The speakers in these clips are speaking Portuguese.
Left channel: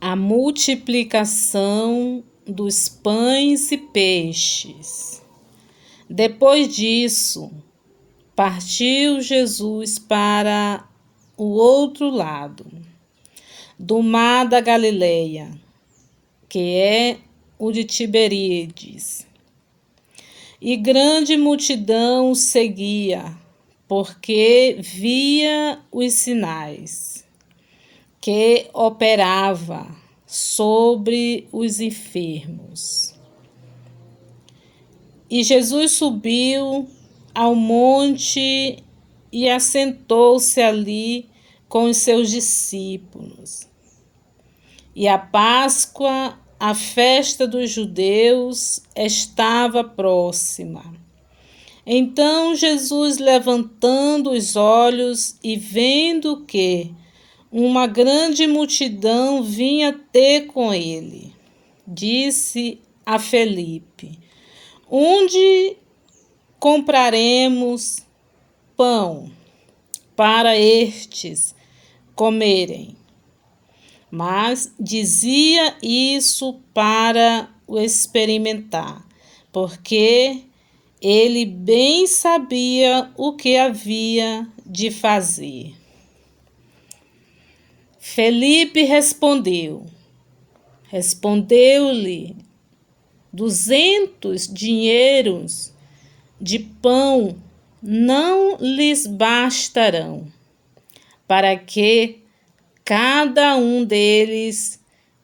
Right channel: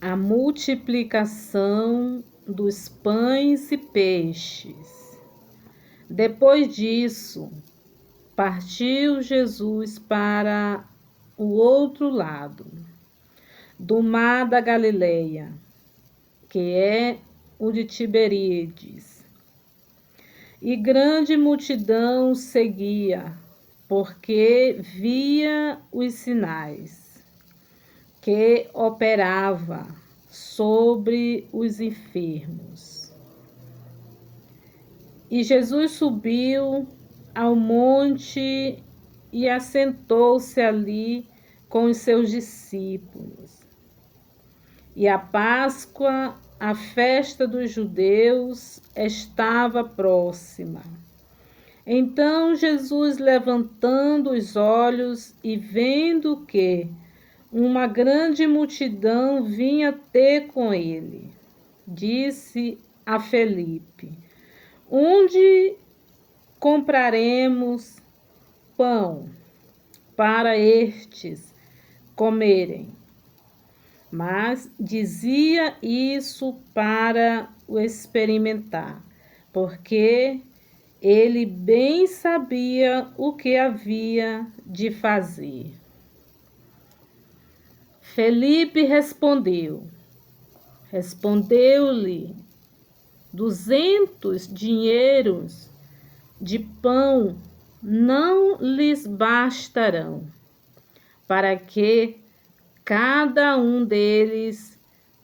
A multiplicação dos pães e peixes. Depois disso, partiu Jesus para o outro lado do mar da Galileia, que é o de Tiberíades. E grande multidão o seguia, porque via os sinais que operava sobre os enfermos. E Jesus subiu ao monte e assentou-se ali com os seus discípulos. E a Páscoa, a festa dos judeus, estava próxima. Então Jesus, levantando os olhos e vendo que uma grande multidão vinha ter com ele, disse a Felipe: onde compraremos pão para estes comerem? Mas dizia isso para o experimentar, porque ele bem sabia o que havia de fazer. Felipe respondeu-lhe: 200 dinheiros de pão não lhes bastarão, para que cada um deles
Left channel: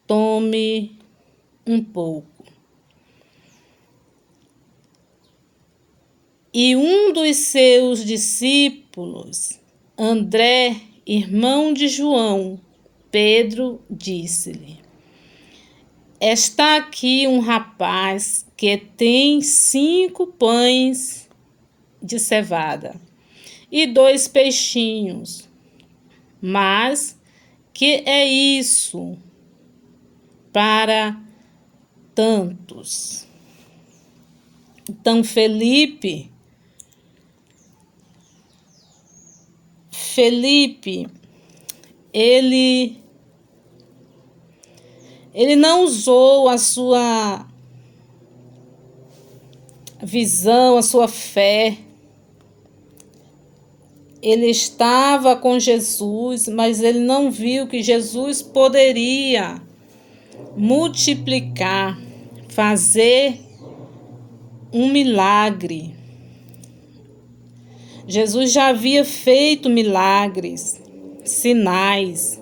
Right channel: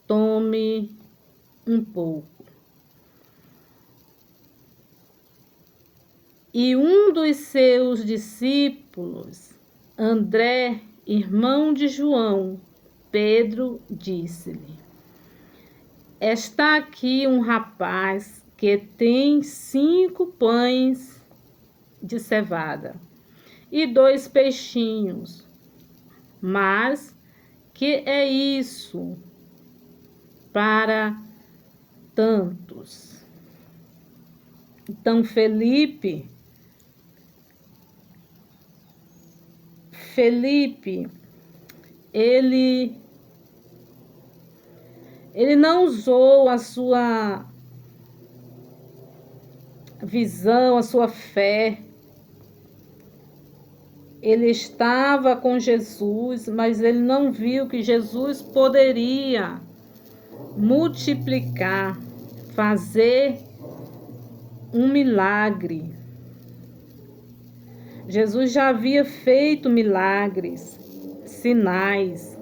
tome um pouco. E um dos seus discípulos, André, irmão de João, Pedro, disse-lhe: está aqui um rapaz que tem 5 pães de cevada e 2 peixinhos. Mas que é isso para tantos? Então Felipe, ele não usou a sua visão, a sua fé. Ele estava com Jesus, mas ele não viu que Jesus poderia multiplicar, fazer um milagre. Jesus já havia feito milagres, sinais.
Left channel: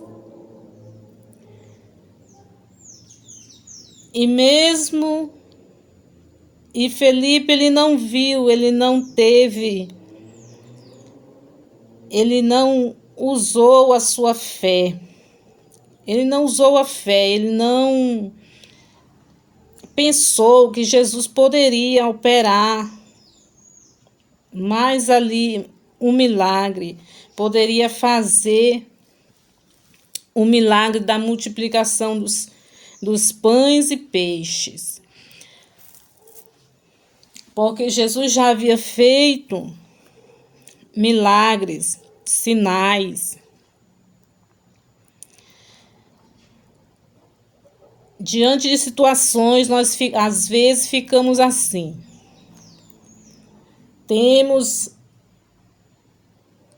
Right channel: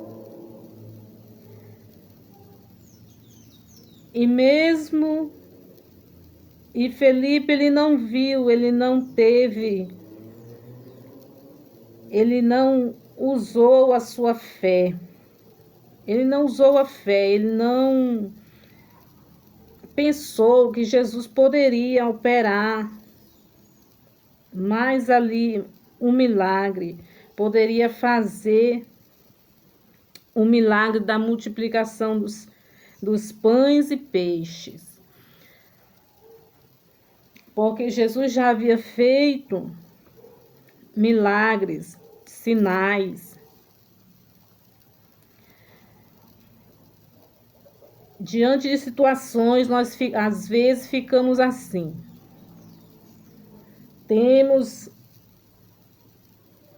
E Felipe, ele não viu, ele não usou a sua fé. Ele não usou a fé, ele não pensou que Jesus poderia operar mais ali um milagre, poderia fazer o milagre da multiplicação dos pães e peixes. Porque Jesus já havia feito milagres, sinais. Diante de situações, nós às vezes ficamos assim.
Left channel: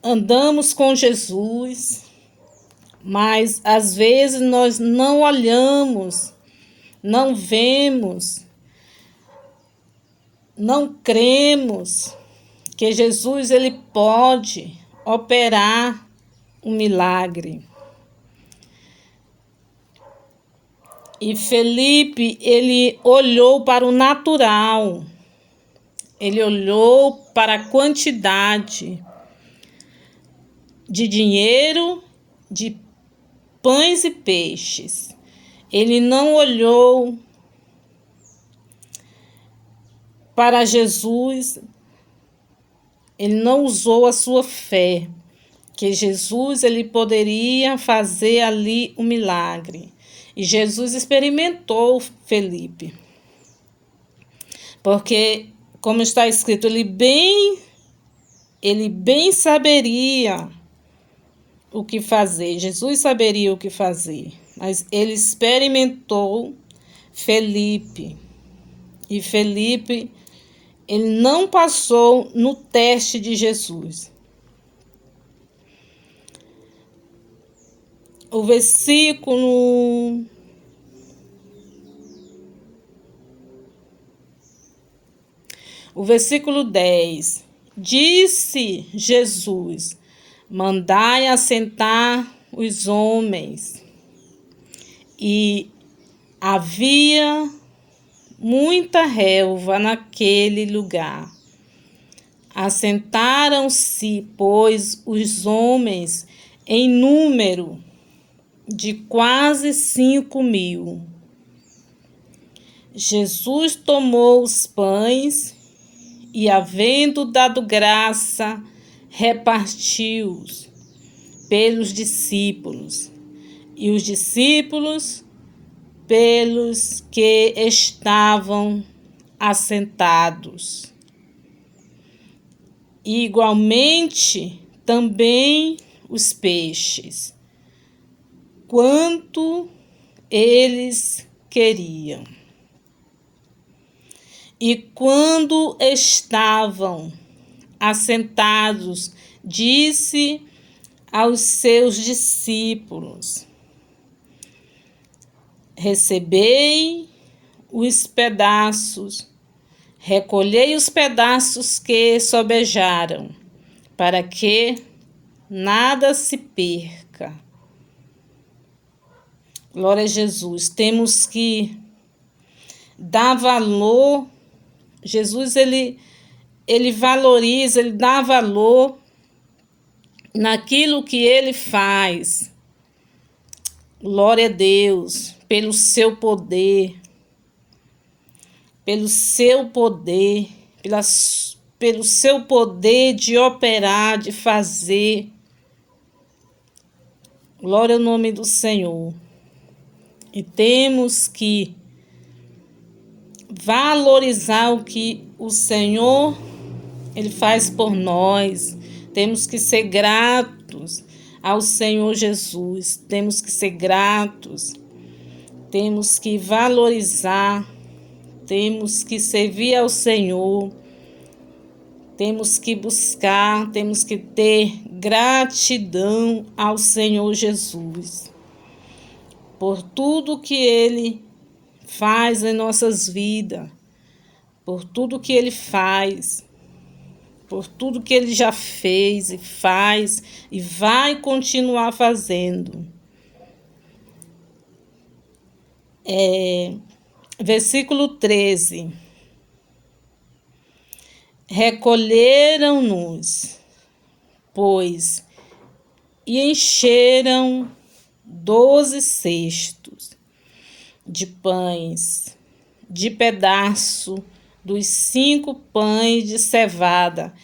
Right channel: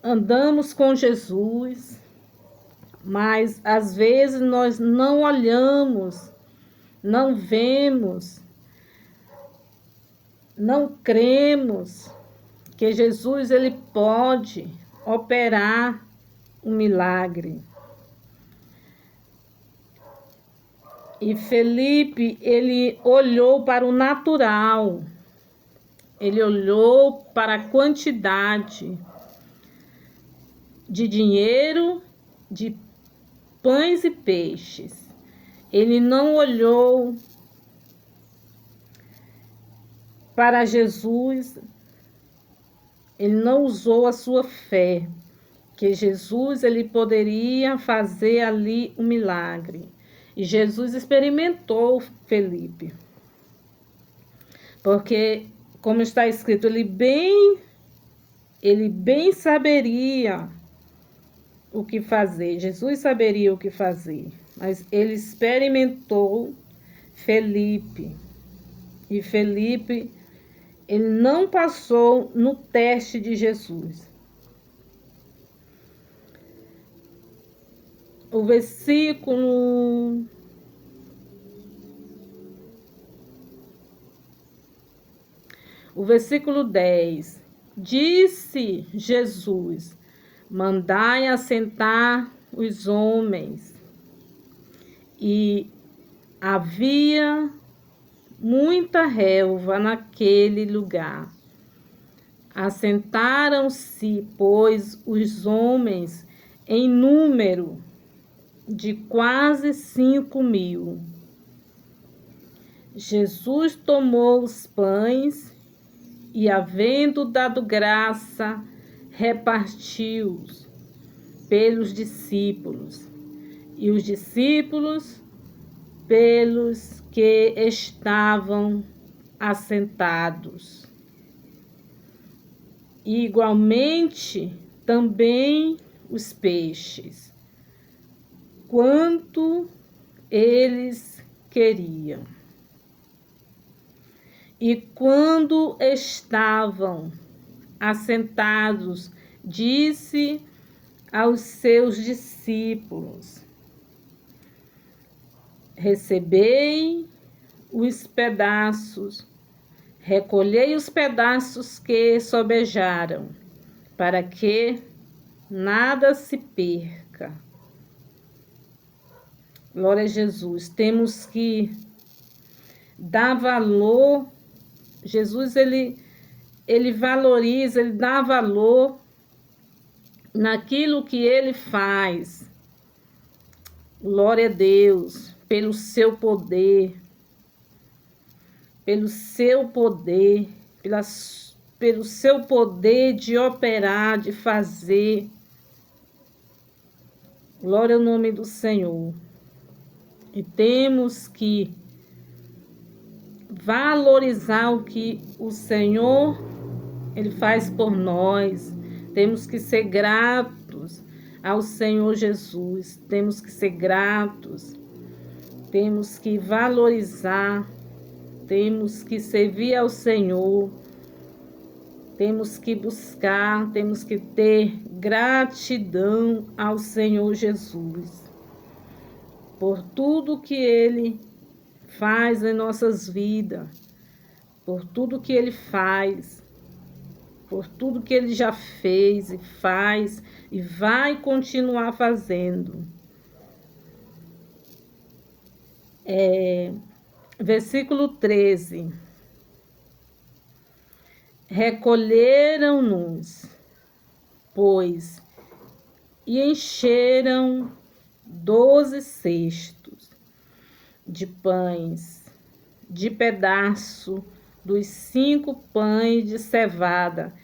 Andamos com Jesus, mas às vezes nós não olhamos, não vemos, não cremos que Jesus ele pode operar um milagre. E Felipe, ele olhou para o natural, ele olhou para a quantidade de dinheiro, de pães e peixes. Ele não olhou para Jesus, ele não usou a sua fé, que Jesus ele poderia fazer ali um milagre. E Jesus experimentou Felipe. Porque, como está escrito, ele bem saberia o que fazer. Jesus saberia o que fazer. mas ele experimentou Felipe. E Felipe, ele não passou no teste de Jesus. O versículo 10. Disse Jesus: mandai assentar os homens. E havia muita relva naquele lugar. Assentaram-se, pois, os homens em número de quase 5.000. Jesus tomou os pães e, havendo dado graça, repartiu-os pelos discípulos, e os discípulos pelos que estavam assentados. E, igualmente, também os peixes, quanto eles queriam. E quando estavam assentados, disse aos seus discípulos: recebei os pedaços, recolhei os pedaços que sobejaram, para que nada se perca. Glória a Jesus. Temos que dar valor. Jesus, ele valoriza, ele dá valor naquilo que ele faz. Glória a Deus, pelo seu poder, pelo seu poder de operar, de fazer. Glória ao nome do Senhor. E temos que valorizar o que o Senhor ele faz por nós. Temos que ser gratos ao Senhor Jesus. Temos que ser gratos. Temos que valorizar. Temos que servir ao Senhor. Temos que buscar, temos que ter gratidão ao Senhor Jesus por tudo que Ele faz em nossas vidas, por tudo que Ele faz, por tudo que Ele já fez e faz e vai continuar fazendo. Versículo 13. Recolheram-nos, pois, e encheram 12 cestos de pães, de pedaço dos 5 pães de cevada,